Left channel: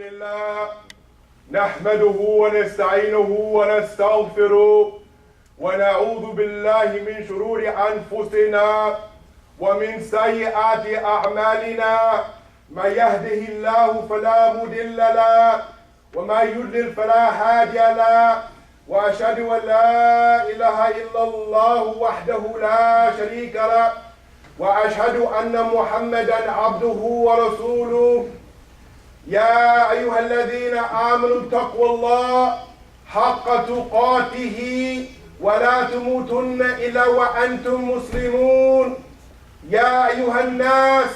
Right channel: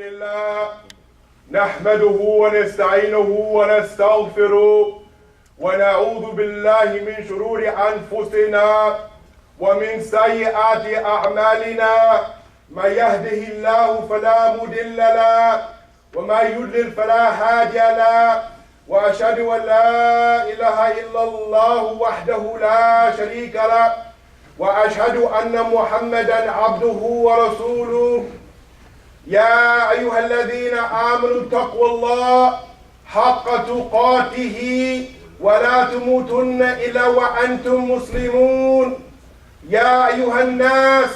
لله نحمده ونستعينه ونستغفره ونعوذ بالله من شرور أنفسنا ومن سيئات أعمالنا. من يهده الله فلا مضل له ومن يضلل فلا هادي له، وأشهد أن لا إله إلا الله وحده لا شريك له، وأشهد أن محمدا عبده ورسوله. يا أيها الذين آمنوا اتقوا الله حق تقاته ولا تموتن إلا وأنتم مسلمون. يا أيها الناس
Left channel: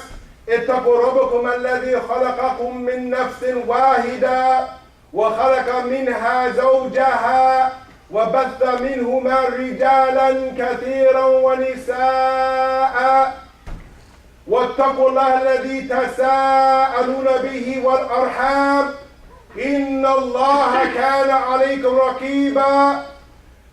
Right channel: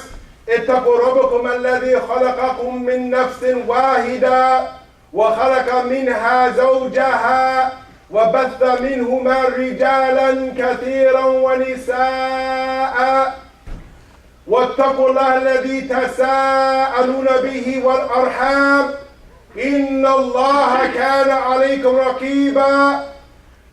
اتقوا ربكم الذي خلقكم من نفس واحدة وخلق منها زوجها وبث منهما رجالا كثيرا ونساء، واتقوا الله الذي تساءلون به والأرحام إن الله كان عليكم رقيبا.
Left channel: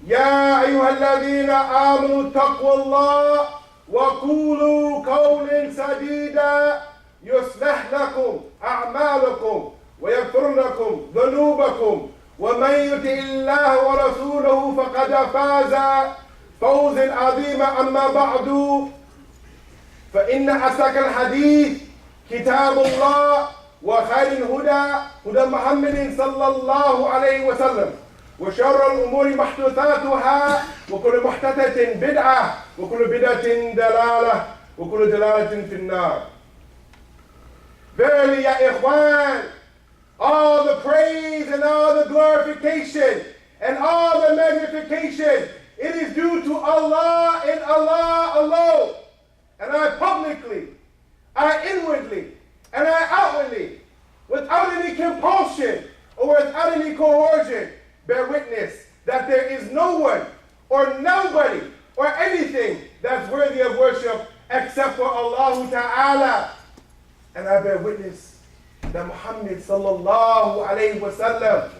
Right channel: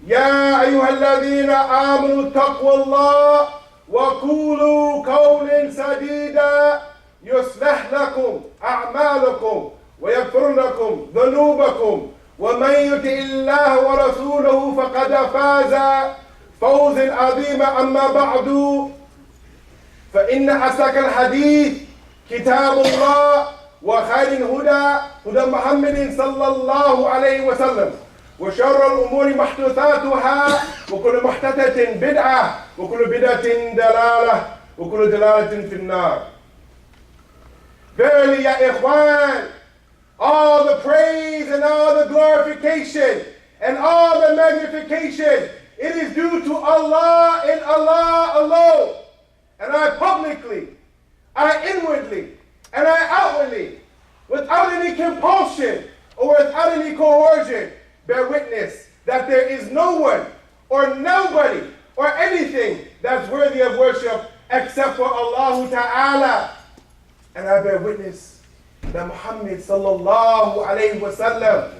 يا أيها الذين آمنوا اتقوا الله وقولوا قولا سديدا يصلح لكم أعمالكم ويغفر لكم ذنوبكم، ومن يطع الله ورسوله فقد فاز فوزا عظيما. أما بعد، فإن أصدق الحديث كتاب الله، وخير الهدى هدى محمد صلى الله عليه وسلم، وشر الأمور محدثاتها، وكل محدثة بدعة، وكل بدعة دلالة، وكل دلالة في النار. Verily, ya ikhwan, all the praise and all the glorification and all the magnification, it is due to Allah and Allah alone. And I publicly, I inwardly, and I outwardly, without any compulsion or without any coercion, bear witness that there is no one or nobody or anything that's worthy of worship except for Allah Ta'ala. And I bear witness that Muhammad sallallahu alayhi wa sallam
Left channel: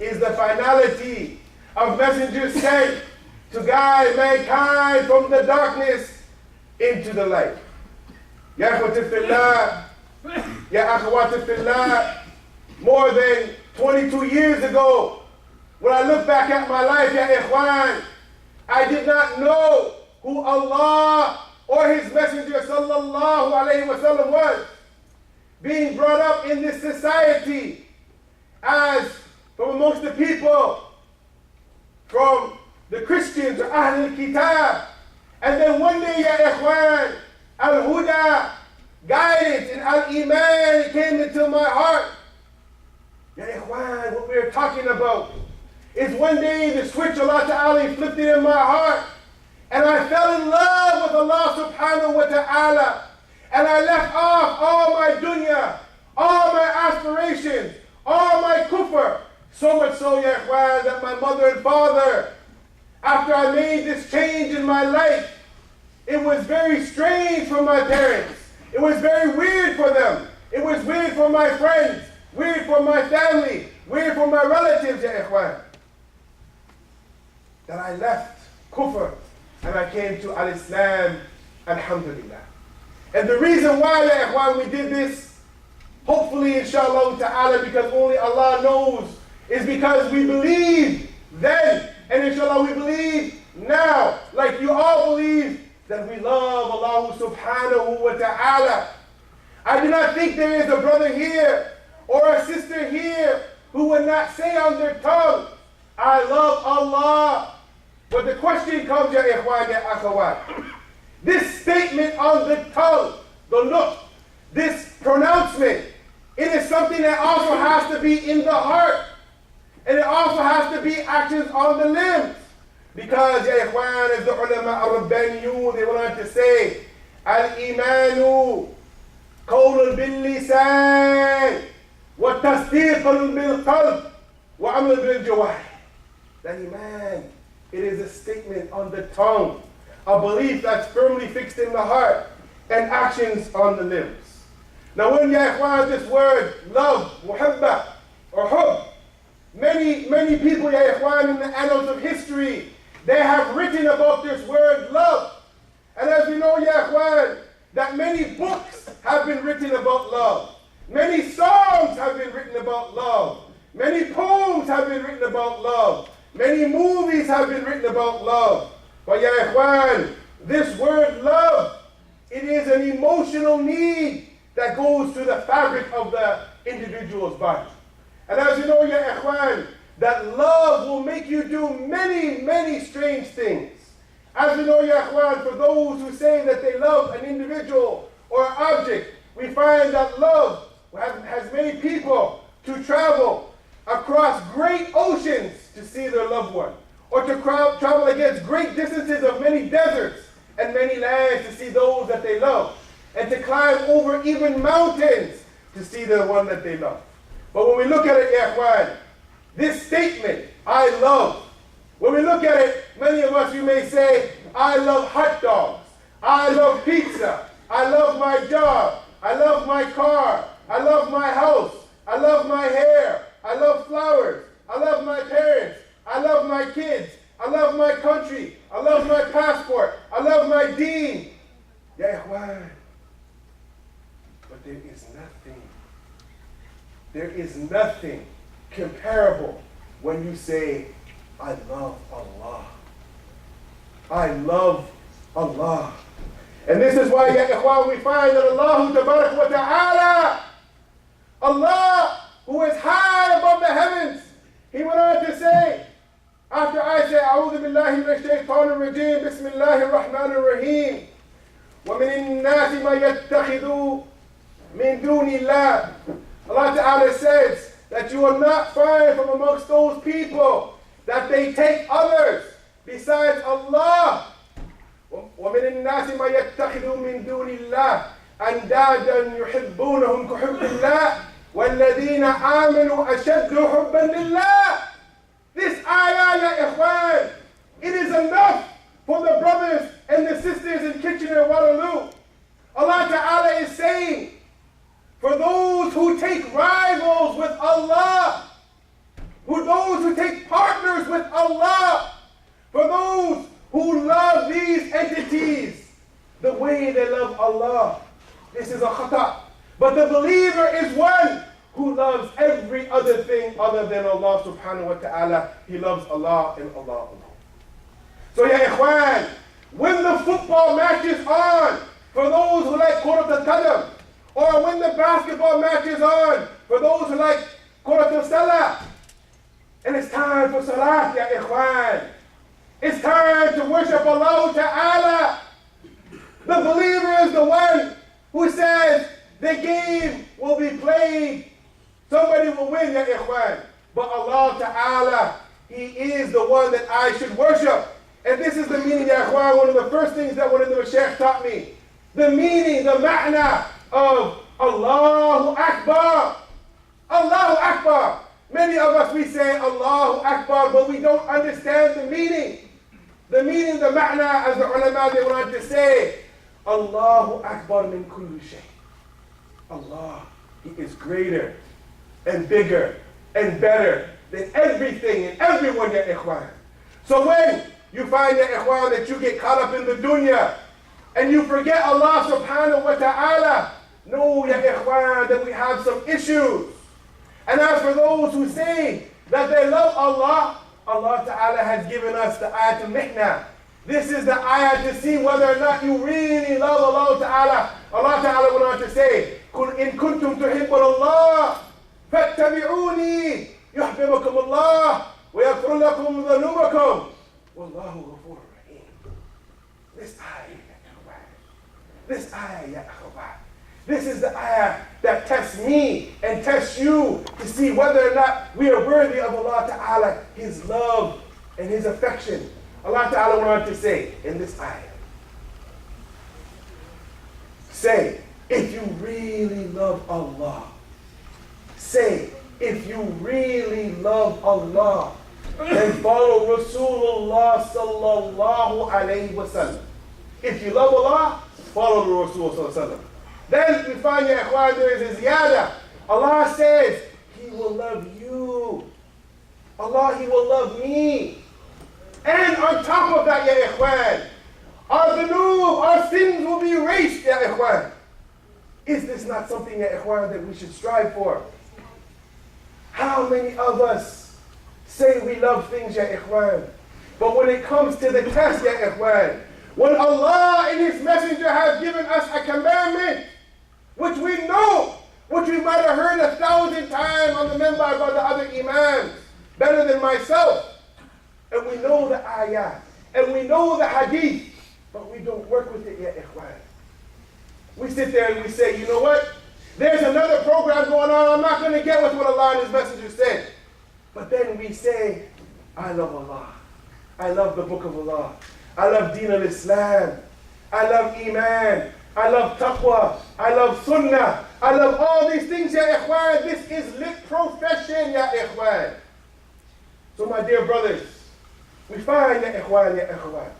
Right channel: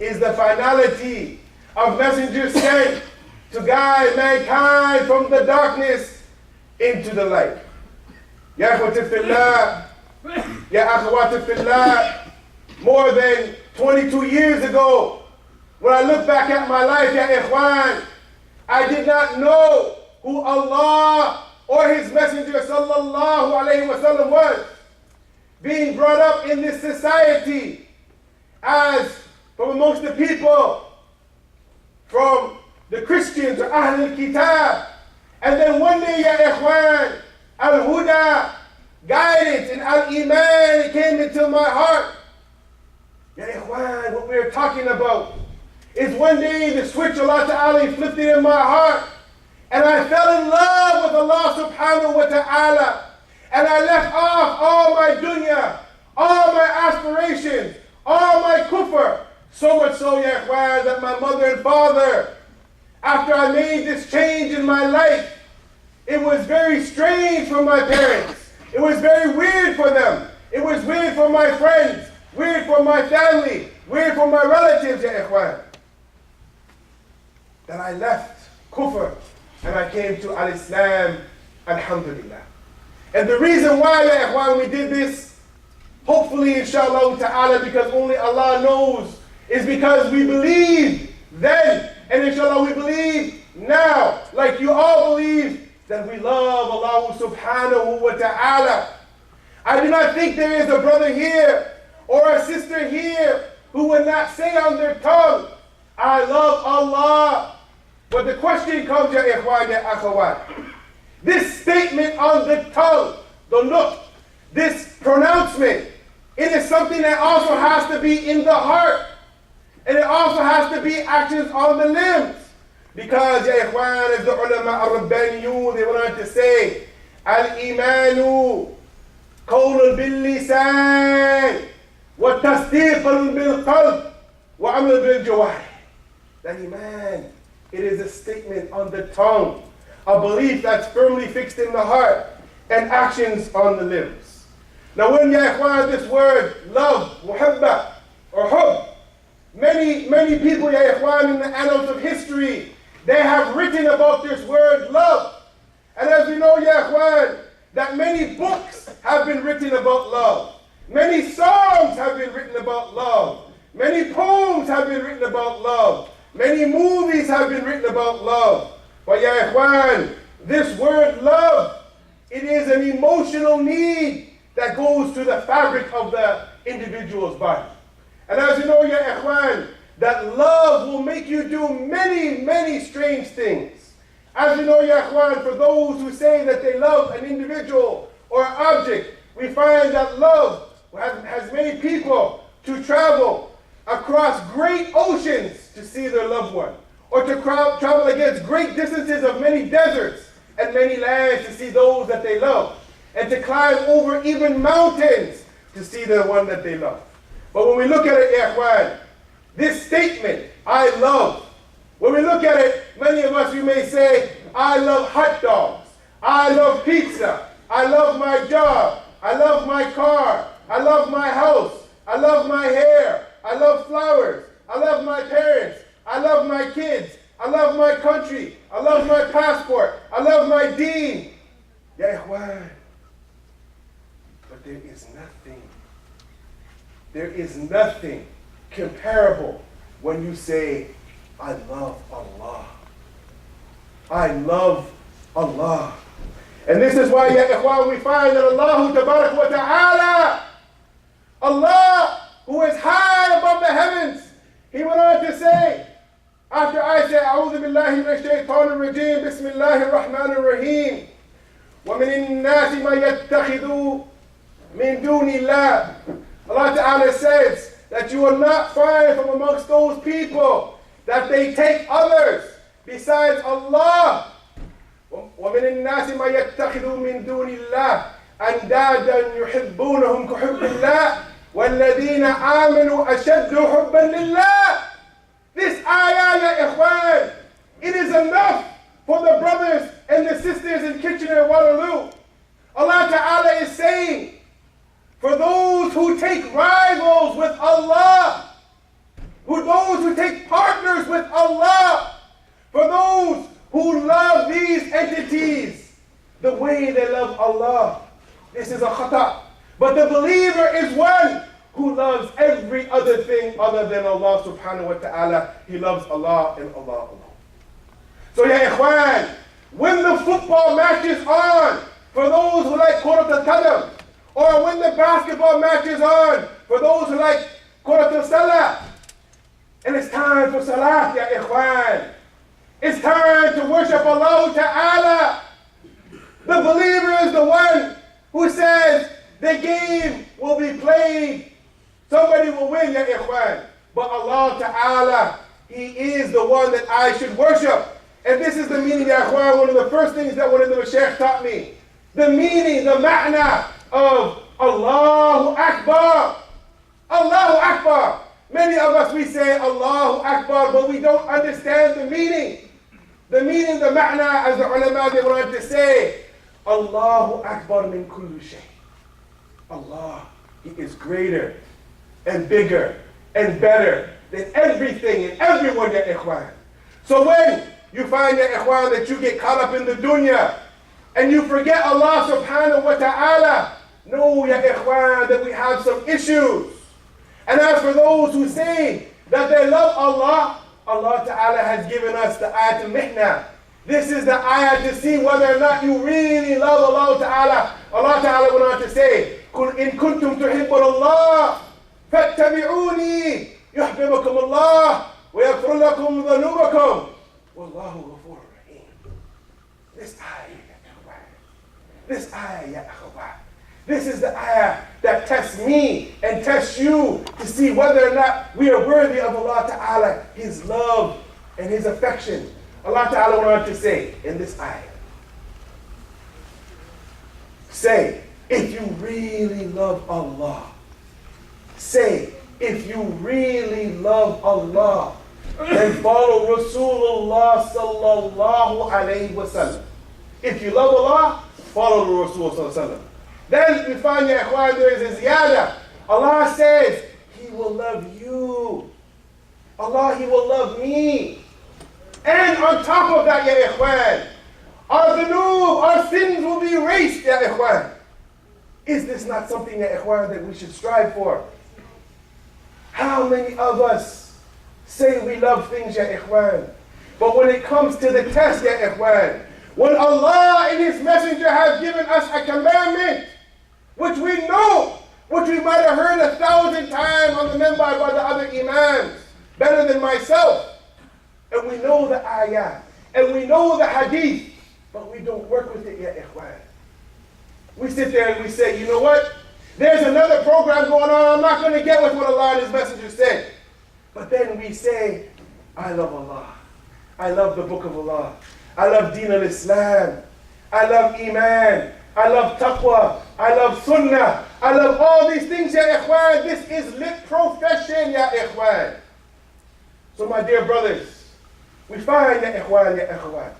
is the finality of messengers sent to guide mankind from the darkness into the light. Ya akhwati fillah, ya akhwati fillah, more than 22 years ago, when I look back at my life, ya ikhwan, I did not know who Allah or His Messenger sallallahu alayhi wa sallam was. Being brought up in this society as from amongst the people, from the Christians or Ahl al-Kitab, and then one day, ya ikhwan, al-Huda, guidance and al-Iman came into my heart. Ya ikhwan, what we're talking about is one day the switch Allah Ta'ala flipped it in my heart, and I fell in love with Allah Subhanahu wa Ta'ala, and I left off all my dunya, all my aspirations, all my kufr, so much so, ya ikhwan, that my mother and father, after I made this change in my life, it was very strange for my parents. It was very weird for them. It was weird for my friends, weird for my family, weird for my relatives, ya ikhwan, that I left kufr and I came to al-Islam, alhamdulillah. And the reason why, ya ikhwan, we did this, hopefully, inshallah ta'ala, because only Allah knows, is because we believed then, and inshallah we believe now, like you all believe, that we love Allah subhanahu wa ta'ala. I do not think there is a brother here or a sister here who would not say on their tongue, I love Allah. But the question comes, ya ikhwan, ya akhawat. This statement on the tongue, the look, this pronouncement, it is something that also has to be in the heart. And it also has to be actions on the limbs. Because, ya ikhwan, as the ulama al-Rabbaniyun, they wanted to say, al-imanu qawlun bil-lisan wa tasdiqun bil-qalb wa amal bil-jawah. That iman, it is a statement on the tongue, a belief that's firmly fixed in the heart, and actions on the limbs. Now when, ya ikhwan, this word, love, muhabba, or hub, many people, ya ikhwan, in the annals of history, they have written about this word love. And as we know, ya ikhwan, that many books have been written about love. Many songs have been written about love. Many poems have been written about love. Many movies have been written about love. But ya ikhwan, this word love, it is an emotional need that goes to the fabric of the individual's body. And as you know, ya ikhwan, that love will make you do many, many strange things. As you know, ya ikhwan, for those who say that they love an individual or an object, we find that love has made people to travel across great oceans to see their loved one, or to travel against great distances of many deserts and many lands to see those that they love, and to climb over even mountains to see the one that they love. But when we look at it, ikhwan, this statement, I love, when we look at it, many of us, you may say, I love hot dogs, I love pizza, I love my job, I love my car, I love my house, I love my hair, I love flowers, I love my parents, I love my kids, I love my country, I love my passport, I love my deen. Ya ikhwan. But there is nothing comparable when you say, I love Allah. I love Allah. And this is why, ya ikhwan, we find that Allah tabarak wa ta'ala, Allah, who is high above the heavens, he went on to say, after I say, A'udhu billahi minash shaitanir rajim, Bismillahir Rahmanir Rahim, وَمِنِ النَّاسِ مَا يَتَّخِذُوا مِن دُونِ اللَّهِ. Allah Ta'ala says that you will not find from amongst those people that they take others besides Allah. وَمِنِ النَّاسِ مَا يَتَّخِذُوا مِن دُونِ اللَّهِ أَنْدَادًا يُحِبُّونَهُمْ كَحُبِّ اللَّهِ وَالَّذِينَ آمَنُوا أَشَدُّ حُبًّا لِلَّهِ. This ayah, ya ikhwan, it is enough for the brothers and the sisters in Kitchener-Waterloo. Allah Ta'ala is saying, for those who take rivals with Allah, those who take partners with Allah, for those who love these entities the way they love Allah, this is a khata. But the believer is one who loves every other thing other than Allah subhanahu wa ta'ala. He loves Allah and Allah alone. So ya ikhwan, when the football match is on, for those who like Kurat al-Qadam, or when the basketball match is on, for those who like Kurat al-Salah, and it's time for Salat, ya ikhwan. It's time to worship Allah ta'ala. The believer is the one who says the game will be played. Somebody will win, ya ikhwan. But Allah Ta'ala, He is the one that I should worship. And this is the meaning, ya ikhwan, one of the first things that one of the Mashaykh taught me. The meaning, the ma'na of Allahu Akbar. Allahu Akbar. Many of us, we say Allahu Akbar, but we don't understand the meaning. The meaning, the ma'na, as the ulama, they want to say, Allahu Akbar min kulli shay. Allah, He is greater and bigger and better than everything and everyone, ya ikhwan. So when you find, ya ikhwan, that you get caught up in the dunya and you forget Allah subhanahu wa ta'ala, know, ya ikhwan, that we have some issues. And as for those who say that they love Allah, Allah Ta'ala has given us the ayat al-mihna. This is the ayah to see whether or not you really love Allah Ta'ala. Allah Ta'ala went on to say, قُلْ إِن كُنْتُمْ تُحِبُّونَ اللَّهَ فَاتَّبِعُونِي يُحْبِبُكُمُ اللَّهُ وَيَغْفِرْ لَكُمْ ذُنُوبَكُمْ وَاللَّهُ غَفُورٌ رَحِيمٌ. This ayah, ya akhawat. This is the ayah that tests me and tests you to see whether or not we are worthy of Allah Ta'ala, His love and His affection. Allah Ta'ala went on to say in this ayah, say, if you really love Allah, say, if you really love Allah, then follow Rasulullah sallallahu alayhi wa sallam. If you love Allah, follow the Rasul sallallahu alayhi wa sallam. Then we find, ya ikhwan, there is a ziyada. Allah says, He will love you. Allah, He will love me. And on top of that, ya ikhwan, our dhunub, our sins will be erased, ya ikhwan. Is this not something, ya ikhwan, that we should strive for? How many of us say we love things, ya ikhwan, but when it comes to the test, ya ikhwan, when Allah and His Messenger have given us a commandment, which we know, which we might have heard 1,000 times on the minbar by the other imams, better than myself, and we know the ayah, and we know the hadith, but we don't work with it, ya ikhwan. We sit there and we say, you know what? There's another program going on. I'm not going to get with what Allah and His Messenger said. But then we say, I love Allah. I love the Book of Allah. I love Deen al-Islam. I love Iman. I love Taqwa. I love Sunnah. I love all these things, ya ikhwan. This is lit profession, ya ikhwan. So my dear brothers, we find, ya ikhwan,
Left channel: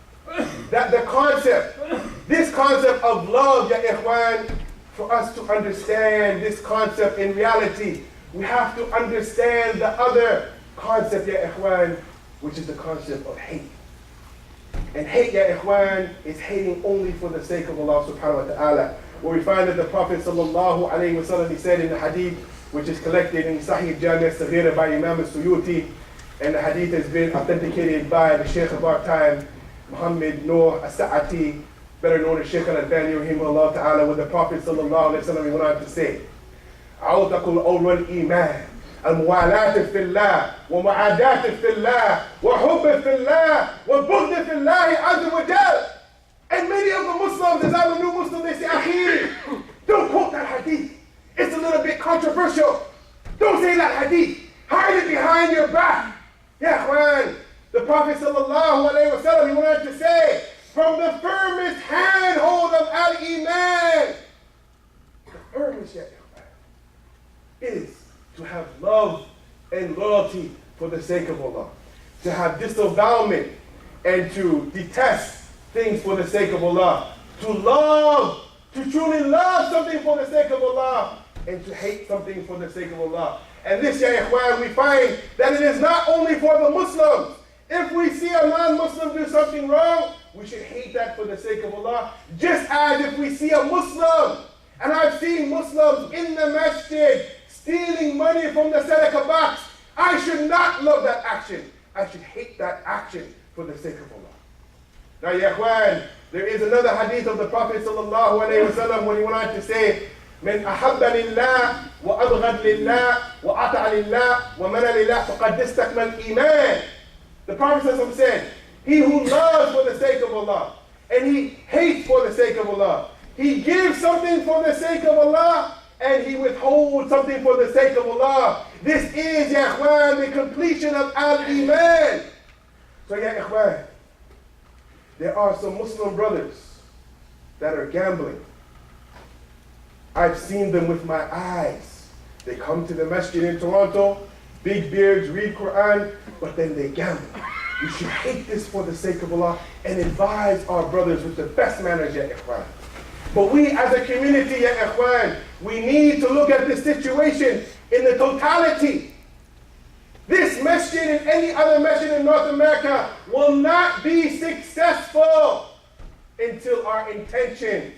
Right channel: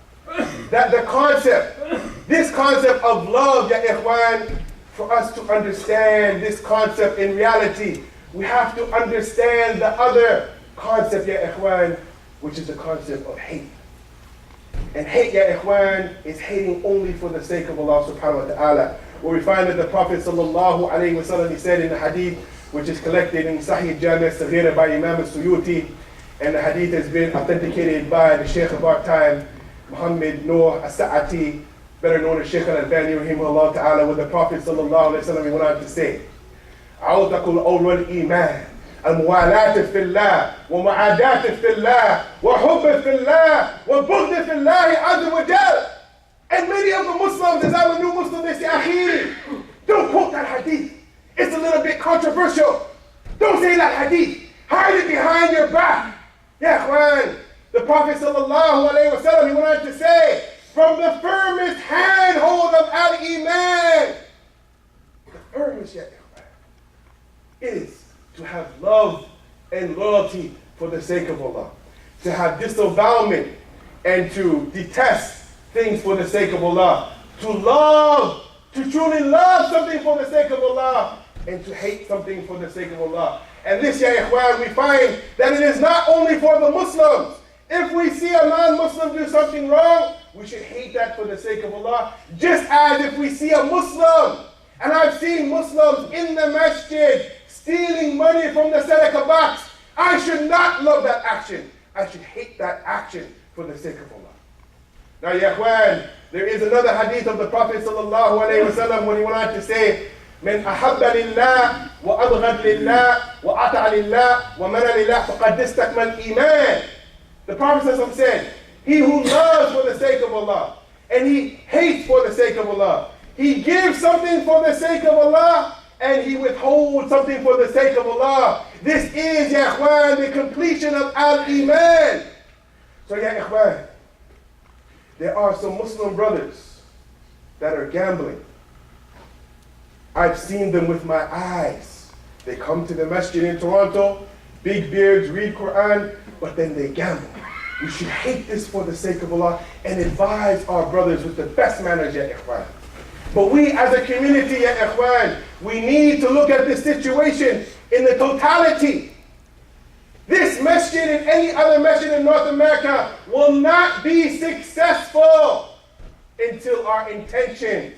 that the concept, this concept of love, ya ikhwan, for us to understand this concept in reality, we have to understand the other concept, ya ikhwan, which is the concept of hate. And hate, ya ikhwan, is hating only for the sake of Allah subhanahu wa ta'ala. Where we find that the Prophet sallallahu alayhi wa sallam, he said in the hadith, which is collected in Sahih Jami' al-Saghira by Imam al-Suyuti, and the hadith has been authenticated by the Shaykh of our time, Muhammad Noor As-Sa'ati, better known as Shaykh al-Albani rahimahullah ta'ala, where the Prophet sallallahu alayhi wa sallam, he went on to say, عَوْتَكُ الْأَوْلُ الْإِيمَانِ الموالاة في الله ومعاداة في الله وحب في الله وبغض في الله عز وجل. And many of the Muslims, as I'm a new Muslim, they say, Akhiri, don't quote that hadith. It's a little bit controversial. Don't say that hadith. Hide it behind your back. Yeah, Quran. The Prophet sallallahu alayhi wa sallam, he went on to say, from the firmest handhold of al-Iman, the firmest, yeah, is to have love and loyalty for the sake of Allah. To have disavowment and to detest things for the sake of Allah. To love, to truly love something for the sake of Allah, and to hate something for the sake of Allah. And this, ya ikhwan, we find that it is not only for the Muslims. If we see a non-Muslim do something wrong, we should hate that for the sake of Allah. Just as if we see a Muslim, and I've seen Muslims in the masjid stealing money from the sadaqah box, I should not love that action. I should hate that action for the sake of Allah. Now, ya ikhwan, there is another hadith of the Prophet sallallahu alayhi wa sallam when he went on to say, من أحب لله وأبغض لله وأطع لله ومن لله فقد استكمل الإيمان. The Prophet said, he who loves for the sake of Allah and he hates for the sake of Allah, he gives something for the sake of Allah and he withholds something for the sake of Allah. This is, ya ikhwan, the completion of al-Iman. So, ya ikhwan, there are some Muslim brothers that are gambling. I've seen them with my eyes. They come to the masjid in Toronto, big beards, read Quran, but then they gamble. We should hate this for the sake of Allah and advise our brothers with the best manners, ya ikhwan. But we as a community, ya ikhwan, we need to look at this situation in the totality. This masjid and any other masjid in North America will not be successful until our intentions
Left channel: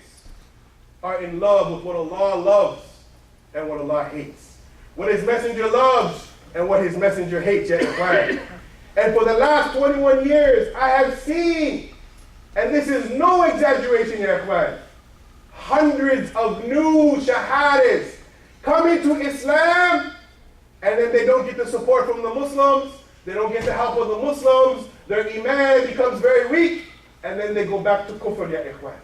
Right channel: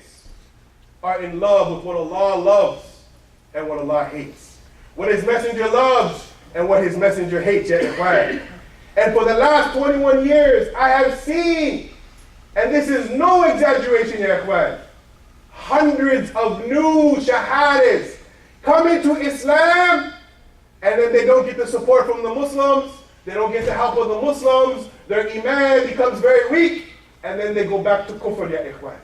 are in love with what Allah loves and what Allah hates. What His Messenger loves and what His Messenger hates, ya ikhwan. And for the last 21 years, I have seen, and this is no exaggeration, ya ikhwan, hundreds of new shahadas come into Islam, and then they don't get the support from the Muslims, they don't get the help of the Muslims, their iman becomes very weak, and then they go back to kufr, ya ikhwan.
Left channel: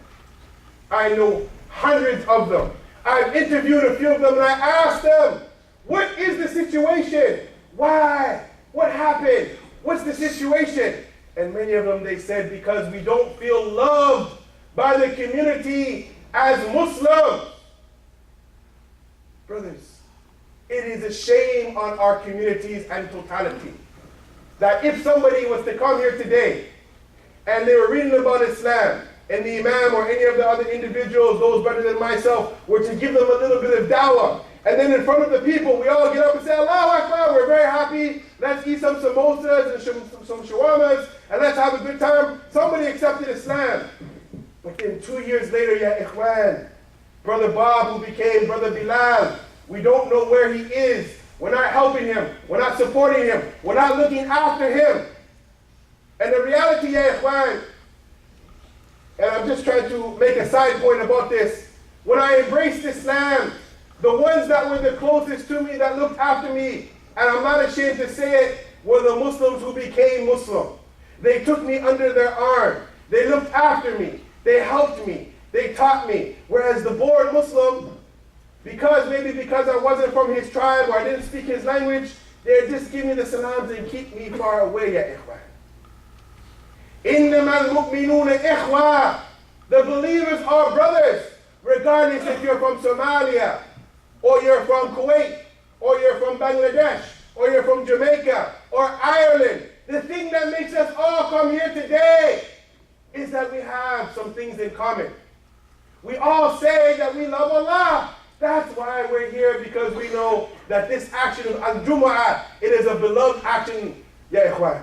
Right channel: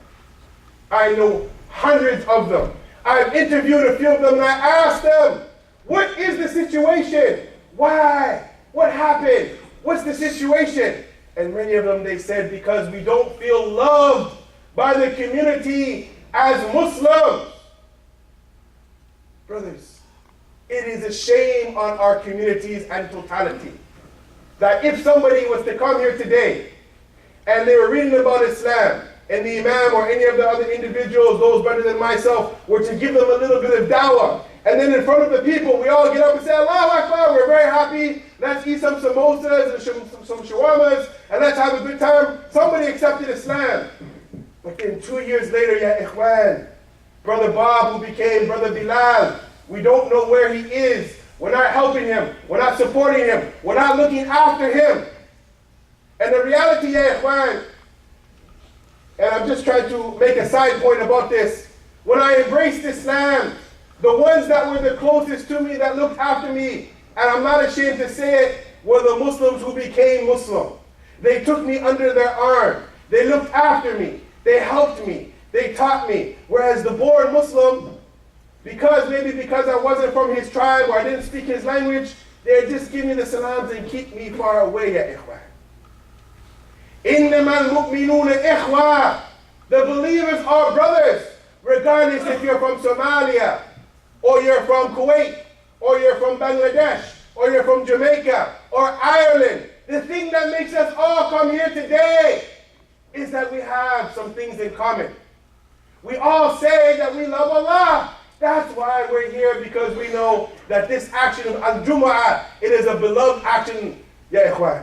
I know hundreds of them. I've interviewed a few of them and I asked them, what is the situation? Why? What happened? What's the situation? And many of them, they said, because we don't feel loved by the community as Muslims. Brothers, it is a shame on our communities and totality that if somebody was to come here today and they were reading about Islam, and the Imam or any of the other individuals, those better than myself, were to give them a little bit of dawah, and then in front of the people, we all get up and say, Allahu Akbar, we're very happy, let's eat some samosas and some shawarmas, and let's have a good time. Somebody accepted Islam. But then 2 years later, ya ikhwan, Brother Bob, who became Brother Bilal, we don't know where he is. We're not helping him. We're not supporting him. We're not looking after him. And the reality, ya ikhwan, and I'm just trying to make a side point about this. When I embraced Islam, the ones that were the closest to me, that looked after me, and I'm not ashamed to say it, were the Muslims who became Muslim. They took me under their arm. They looked after me. They helped me. They taught me. Whereas the born Muslim, maybe because I wasn't from his tribe or I didn't speak his language, they'd just give me the salams and keep me far away, ya ikhwan. إِنَّمَا الْمُؤْمِنُونَ إِخْوَةً. The believers are brothers, regardless if you're from Somalia, or you're from Kuwait, or you're from Bangladesh, or you're from Jamaica, or Ireland. The thing that makes us all come here today is that we have some things in common. We all say that we love Allah. That's why we're here, because we know that this action of Al-Jumu'ah, it is a beloved action, ya ikhwan.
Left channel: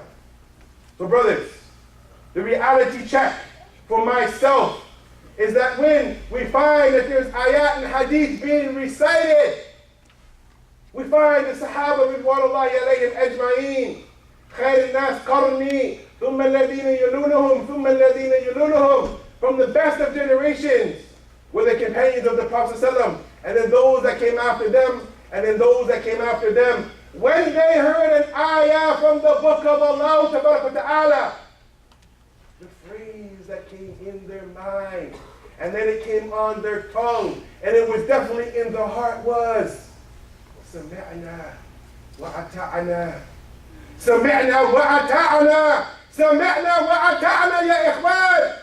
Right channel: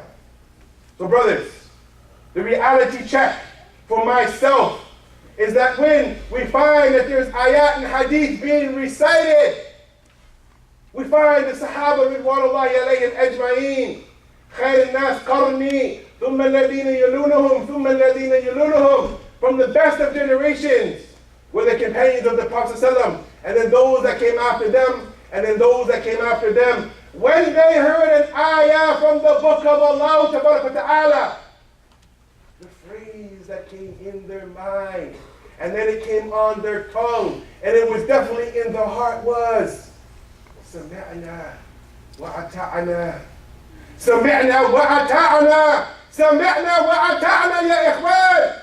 So brothers, the reality check for myself is that when we find that there's ayat and hadith being recited, we find the Sahaba ridwanullahi alayhim ajma'een, خير الناس قرني ثم الذين يلونهم ثم الذين يلونهم, from the best of generations were the companions of the Prophet ﷺ, and then those that came after them, and then those that came after them. When they heard an ayah from the book of Allah Ta'ala, the phrase that came in their mind, and then it came on their tongue, and it was definitely in their heart, was سمعنا وأطعنا سمعنا وأطعنا سمعنا وأطعنا يا إخوان.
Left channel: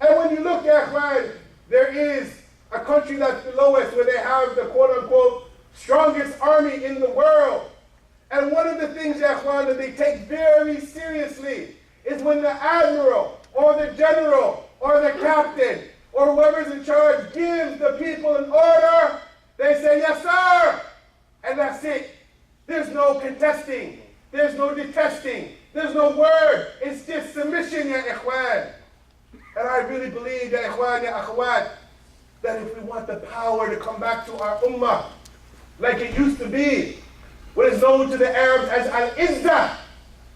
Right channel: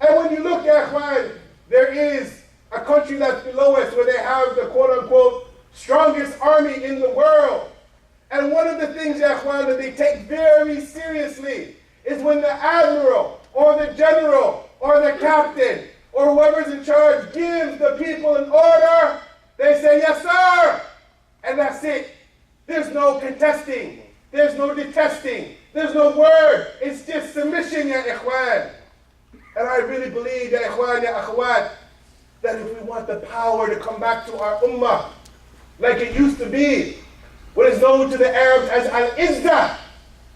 And when you look at Ikhwan, there is a country that's below us where they have the quote-unquote strongest army in the world. And one of the things, ya Ikhwan, that they take very seriously is when the admiral or the general or the captain or whoever's in charge gives the people an order, they say, yes, sir. And that's it. There's no contesting. There's no detesting. There's no word. It's just submission, ya Ikhwan. And I really believe, ya Ikhwan, ya Akhwat, that if we want the power to come back to our ummah, like it used to be, what is known to the Arabs as al-Izzah,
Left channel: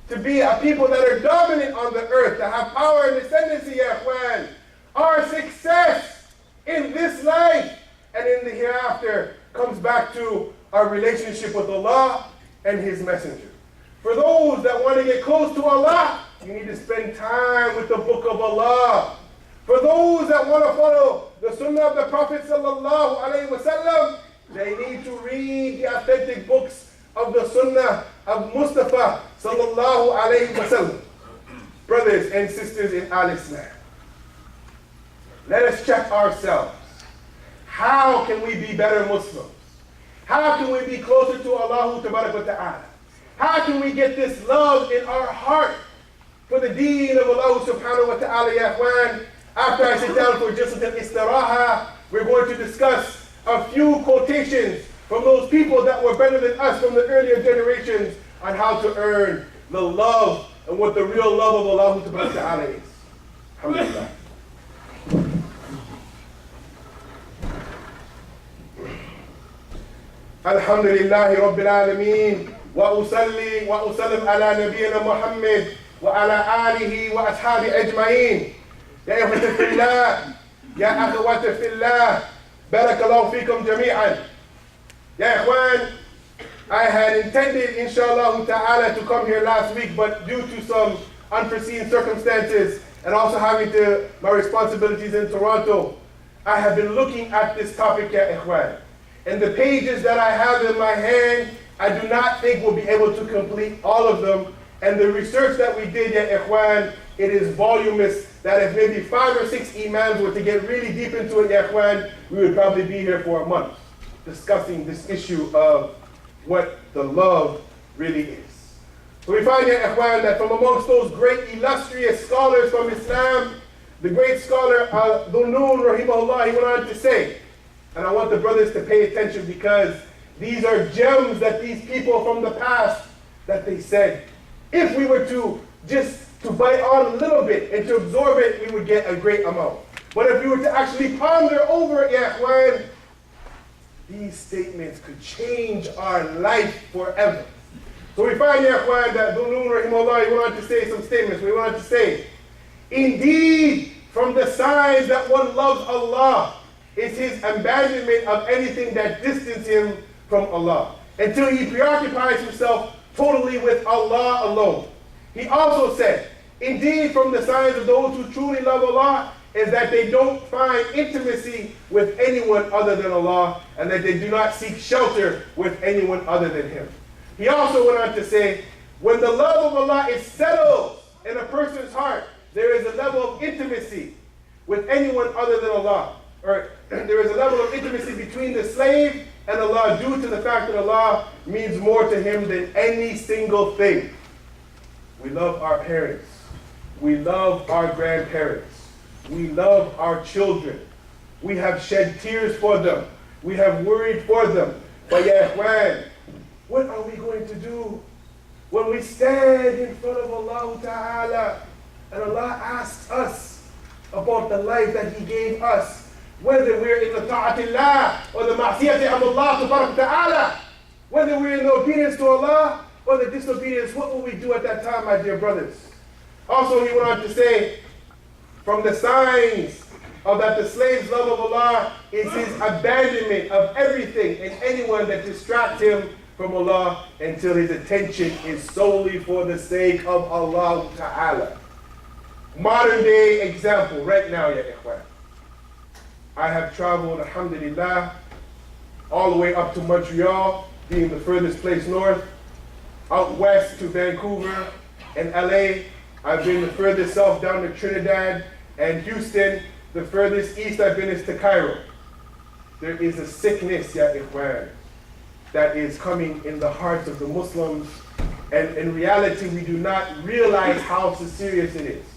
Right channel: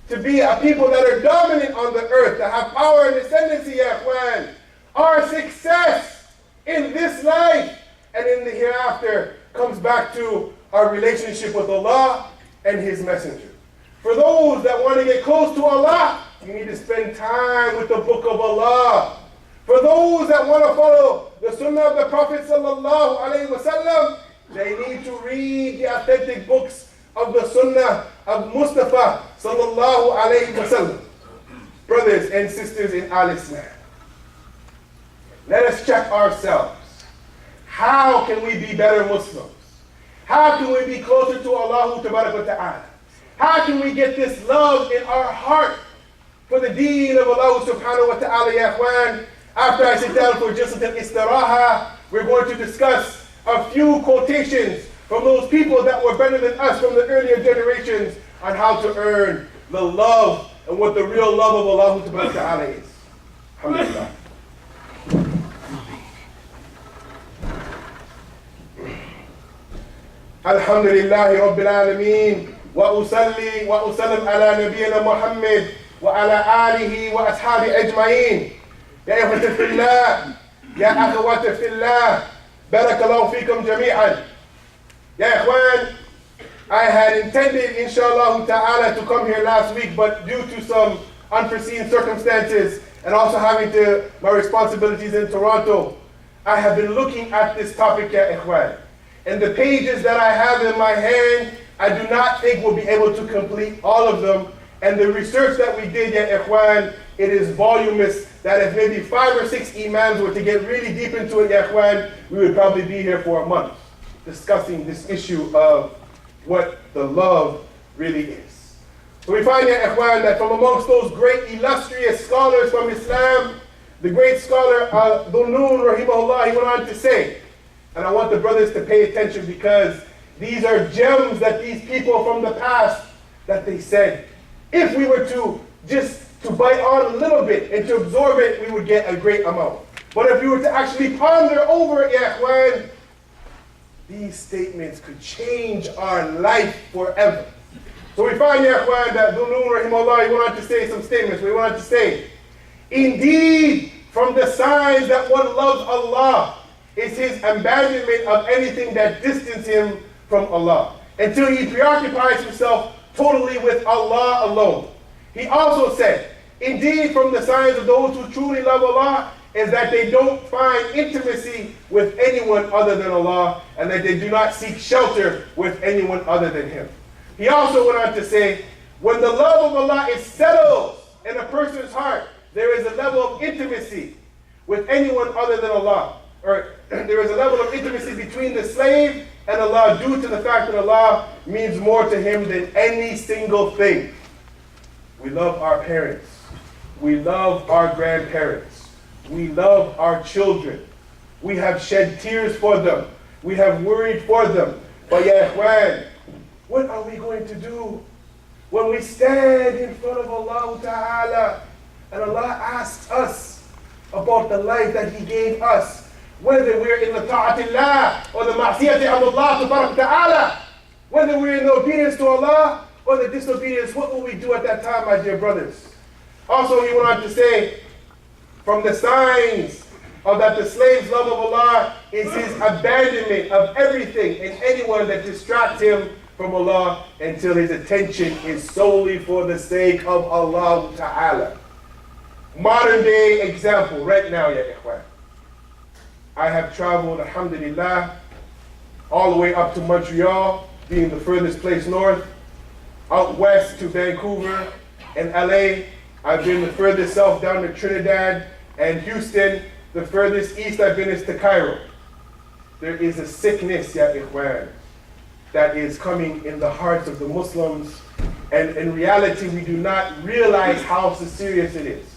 to be a people that are dominant on the earth, to have power and ascendancy, ya Ikhwan, our success in this life and in the hereafter comes back to our relationship with Allah and His Messenger. For those that want to get close to Allah, you need to spend time with the Book of Allah. For those that want to follow the Sunnah of the Prophet sallallahu alaihi wasallam, they need to read the authentic books of the Sunnah of Mustafa sallallahu alaihi wasallam. Brothers and sisters in Al-Islam, let us check ourselves. How can we be better Muslims? How can we be closer to Allah Ta'ala? How can we get this love in our heart for the deen of Allah subhanahu wa ta'ala, ya ikhwan? After I sit down for just an istiraha, we're going to discuss a few quotations from those people that were better than us from the earlier generations on how to earn the love and what the real love of Allah subhanahu wa ta'ala is. Alhamdulillah. الحمد لله رب العالمين وأصلي وأسلم على نبينا محمد وعلى آله وأصحابه أجمعين. يا إخوة في الله، يا أخوات في الله، بارك الله فيكم جميعا. يا إخوان, I had intended, inshallah ta'ala, to come here last week, but due to some unforeseen circumstances and also having my responsibilities in Toronto, I have been looking at this topic, ya Ikhwan. And the pages that I have in my hand, I do not think we'll be able to complete all of them. And the research that we did, ya Ikhwan, it is voluminous, that if maybe 5 or 6 imams were to get really deep into it, ya Ikhwan, we would probably be here for a month discussing this issue of what the love really is. So we find, ya Ikhwan, that from amongst those great illustrious scholars from Islam, the great scholar Dhunnun rahimahullah, he went on to say, and I want the brothers to pay attention because these are gems that these people from the past, that they said, if we were to just to bite on a little bit and to absorb it, we would get a great amount. But if you were to actually ponder over it, ya ikhwan, these statements could change our life forever. So we find, ya ikhwan, that Dhul-Nun rahimahullah, he wanted to say some statements. We wanted to say, indeed, from the signs that one loves Allah is his abandonment of anything that distances him from Allah, until he preoccupies himself totally with Allah alone. He also said, indeed, from the signs of those who truly love Allah is that they don't find intimacy with anyone other than Allah, and that they do not seek shelter with anyone other than Him. He also went on to say, when the love of Allah is settled in a person's heart, there is a level of intimacy with anyone other than Allah. Or there is a level of intimacy between the slave and Allah due to the fact that Allah means more to him than any single thing. We love our parents. We love our grandparents. We love our children. We have shed tears for them. We have worried for them. But ya ikhwan, what are we going to do when we stand in front of Allah Ta'ala and Allah asks us about the life that He gave us, whether we're in the ta'atillah or the ma'siyati of Allah Ta'ala, whether we're in the obedience to Allah or the disobedience, what will we do at that time, my dear brothers? Also, he went on to say, from the signs of that the slave's love of Allah is his abandonment of everything and anyone that distracts him from Allah until his attention is solely for the sake of Allah Ta'ala. Modern day example right now, ya ikhwan. I have traveled, alhamdulillah, all the way up to Montreal, being the furthest place north, out west to Vancouver and LA. I've been the furthest south down to Trinidad and Houston. The furthest east I've been is to Cairo. There is a sickness, ya ikhwan, that is coming in the hearts of the Muslims, and in reality we do not realize how serious it is.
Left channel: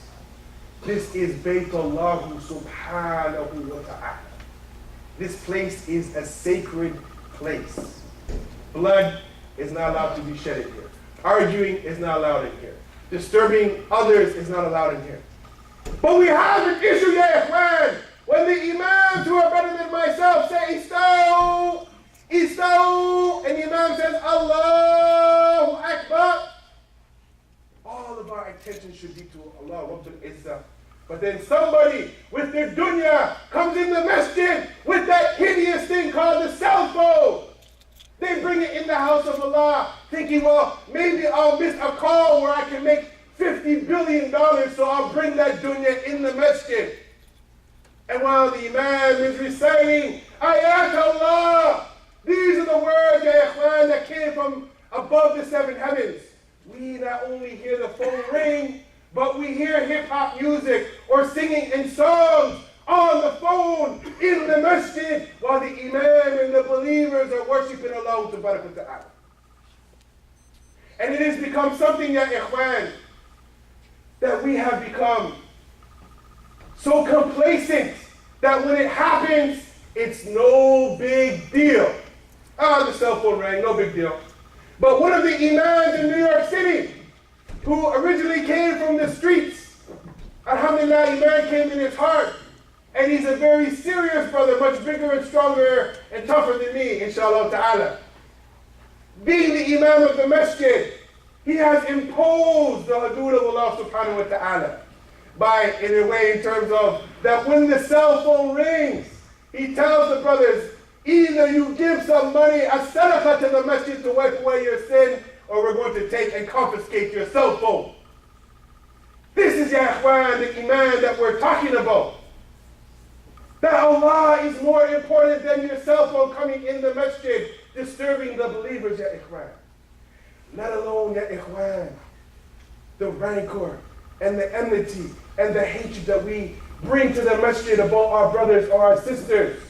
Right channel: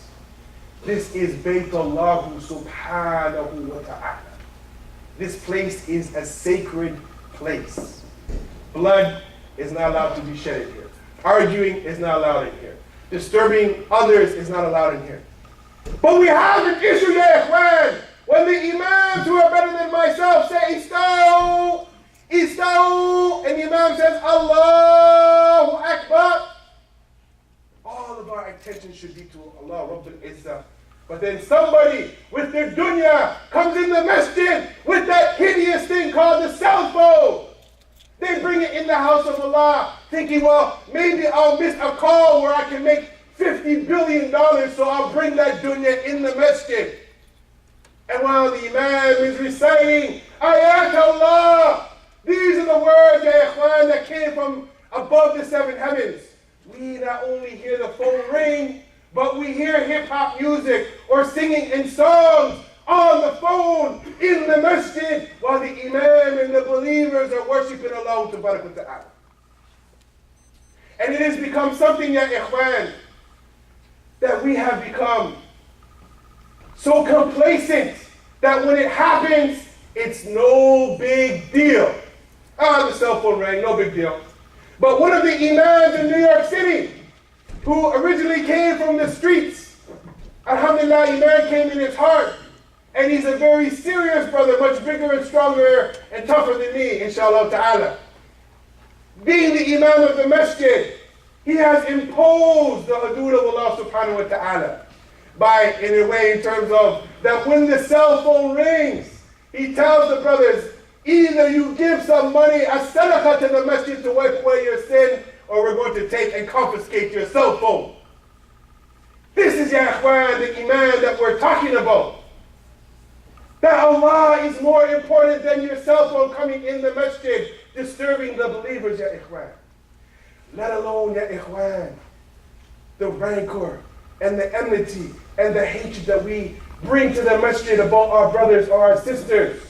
This is Baytullah subhanahu wa ta'ala. This place is a sacred place. Blood is not allowed to be shed in here. Arguing is not allowed in here. Disturbing others is not allowed in here. But we have an issue, ya ikhwan, when the imams who are better than myself say, Istaw, Istaw, and the imam says, Allahu Akbar, all of our attention should be to Allah Rabbul Izzah. But then somebody with their dunya comes in the masjid with that hideous thing called the cell phone. They bring it in the house of Allah, thinking, well, maybe I'll miss a call where I can make $50 billion, so I'll bring that dunya in the masjid. And while the imam is reciting, Ayat Allah, these are the words, ya ikhwan, that came from above the seven heavens. We not only hear the phone ring, but we hear hip-hop music or singing in songs on the phone in the masjid while the imam and the believers are worshiping Allah Ta'ala. And it has become something, ya ikhwan, that we have become so complacent that when it happens, it's no big deal. The cell phone rang, no big deal. But one of the imams in New York City, who originally came from the streets, alhamdulillah, Imam came in his heart, and he's a very serious brother, much bigger and stronger and tougher than me, inshallah ta'ala. Being the imam of the masjid, he has imposed the hudud of Allah subhanahu wa ta'ala by, in a way, in terms of that when the cell phone rings, he tells the brothers, either you give some money as sadaqah to the masjid to wipe away your sin, or we're going to take and confiscate your cell phone. This is, ya ikhwan, the iman that we're talking about. That Allah is more important than your cell phone coming in the masjid, disturbing the believers, ya ikhwan. Let alone, ya ikhwan, the rancor and the enmity and the hatred that we bring to the masjid about our brothers or our sisters.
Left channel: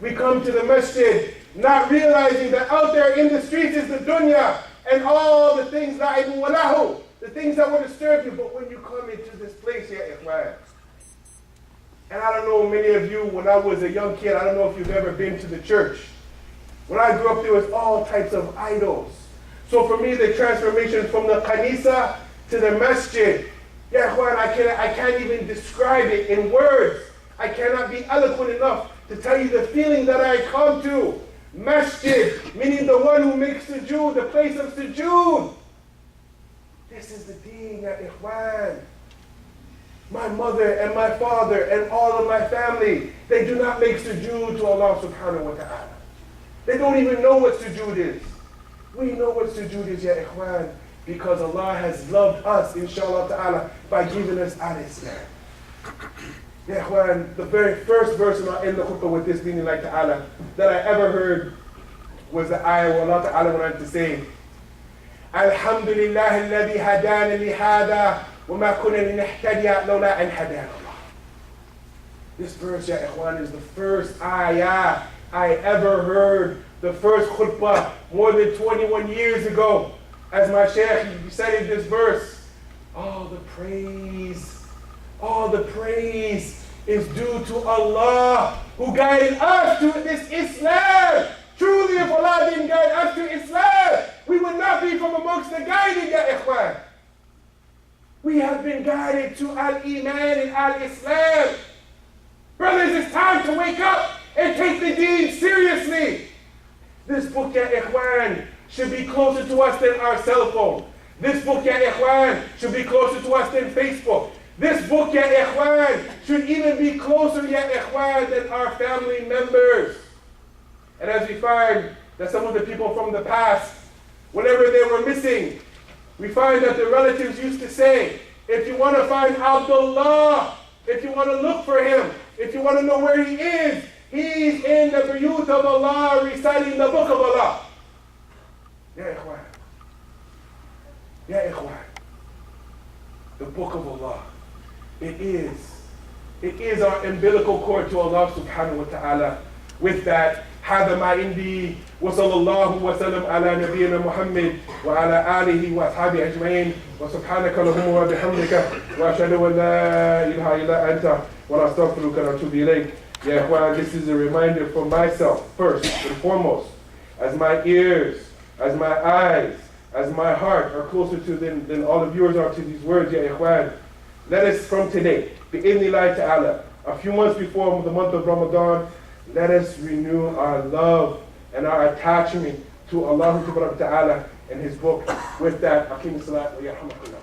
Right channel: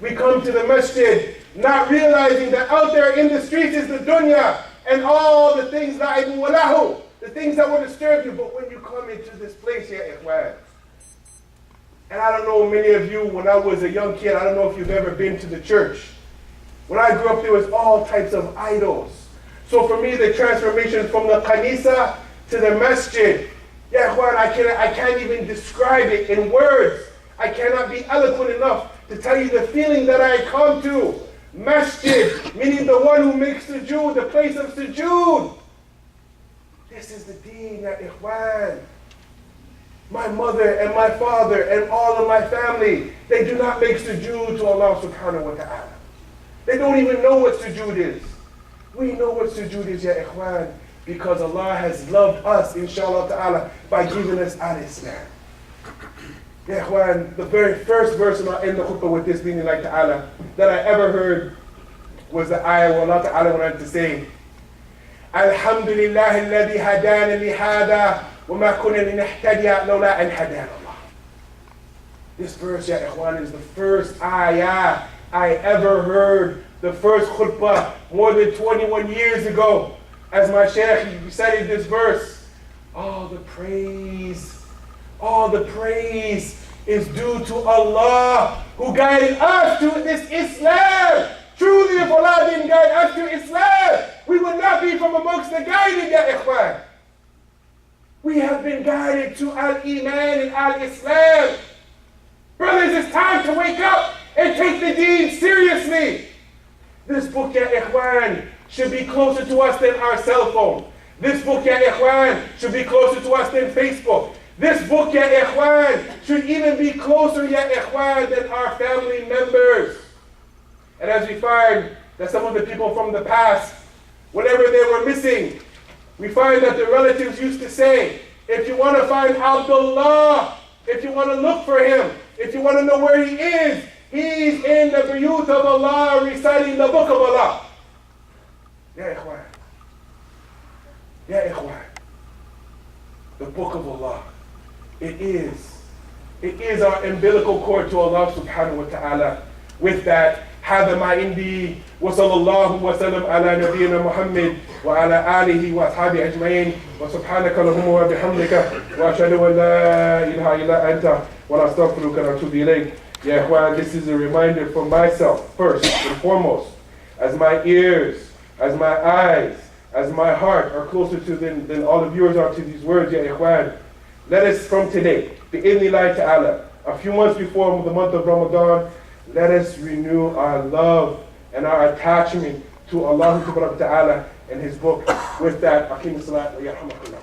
We come to the masjid not realizing that out there in the streets is the dunya and all the things la'ibun wa lahu, the things that will disturb you. But when you come into this place, ya ikhwan, and I don't know, many of you, when I was a young kid, I don't know if you've ever been to the church. When I grew up, there was all types of idols. So for me, the transformation from the kanisa to the masjid, ya ikhwan, I can't even describe it in words. I cannot be eloquent enough to tell you the feeling that I come to. Masjid, meaning the one who makes sujood, the place of sujood. This is the deen, ya ikhwan. My mother and my father and all of my family, they do not make sujood to Allah subhanahu wa ta'ala. They don't even know what sujood is. We know what sujood is, ya ikhwan, because Allah has loved us, inshallah ta'ala, by giving us al-Islam. Ya ikhwan, the very first verse, and I'll end the khutbah with this, meaning like ta'ala, that I ever heard was the ayah where Allah ta'ala wanted to say, Alhamdulillah alladhi hadana li hada wa ma kunna linahtadiya lawla an hadana Allah. This verse, ya ikhwan, is the first ayah I ever heard, the first khutbah more than 21 years ago. As my shaykh recited this verse, all the praise is due to Allah who guided us to this Islam. Truly, if Allah didn't guide us to Islam, we would not be from amongst the guided, ya ikhwan. We have been guided to Al-Iman and Al-Islam. Brothers, it's time to wake up and take the deen seriously. This book, ya ikhwan, should be closer to us than our cell phone. This book, ya ikhwan, should be closer to us than Facebook. This book, ya ikhwan, should even be closer, ya ikhwan, than our family members. And as we find that some of the people from the past, whenever they were missing, we find that the relatives used to say, if you want to find Abdullah, if you want to look for him, if you want to know where he is, he's in the Buyut of Allah reciting the book of Allah. Ya ikhwan. Ya ikhwan. The book of Allah. It is our umbilical cord to Allah subhanahu wa ta'ala. With that, هذا ما عندي وصلى الله وسلم على نبينا محمد وعلى آله وأصحابه أجمعين وسبحانك اللهم وبحمدك وأشهد أن لا إله إلا أنت ونستغفرك ونتوب إليك. Ya ikhwan, this is a reminder for myself, first and foremost, as my ears, as my eyes, as my heart are closer to than all of yours are to these words, ya ikhwan. Let us from today, bi'idhnillahi ta'ala, a few months before the month of Ramadan, let us renew our love and our attachment to Allah ta'ala and His book. With that, Aqim as-salat wa yarhamakumullah.